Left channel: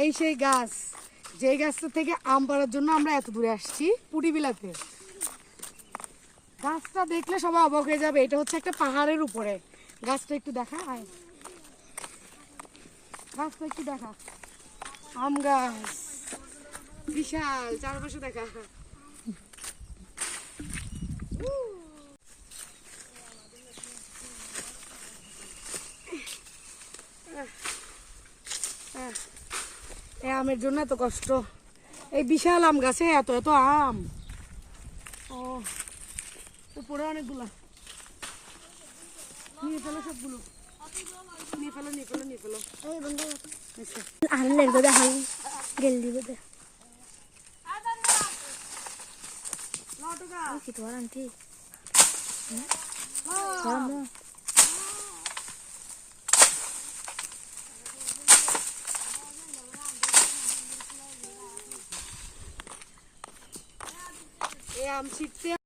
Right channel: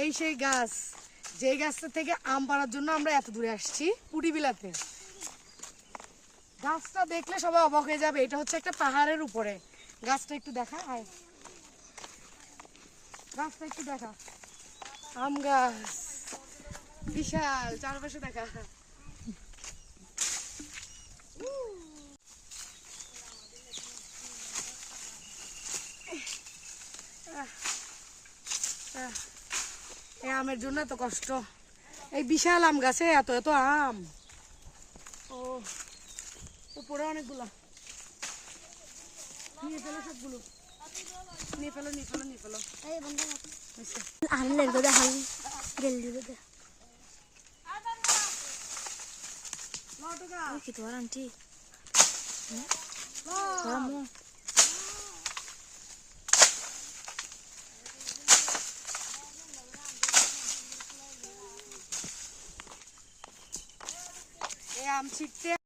এই সেই গাছ, যে গাছটা থেকে আম পাড়ার জন্য আমরা এত দূরে আসছি পুটিবিলাতে। গাছটা দেখলে সবাই অবাক হয়ে যাবে, এটা হচ্ছে একটা পাহাড়ের উপরে। গাছটা একটু দেখা, গাছটা একটু দেখা, আম গাছ বিশাল, চারপাশে দেখা। এই আমের জন্য এত কষ্ট, এই বিশাল আম গাছে এত এত আম। ও উপরে অনেকগুলা, নিয়ে ফেলো সবগুলো, নিয়ে ফেলো নিয়ে ফেলো নিয়ে ফেলো। এই বন্ধু আনলে তো দেখাল গেল দিবে লটকা কি তো আন্টি আম ছিটতে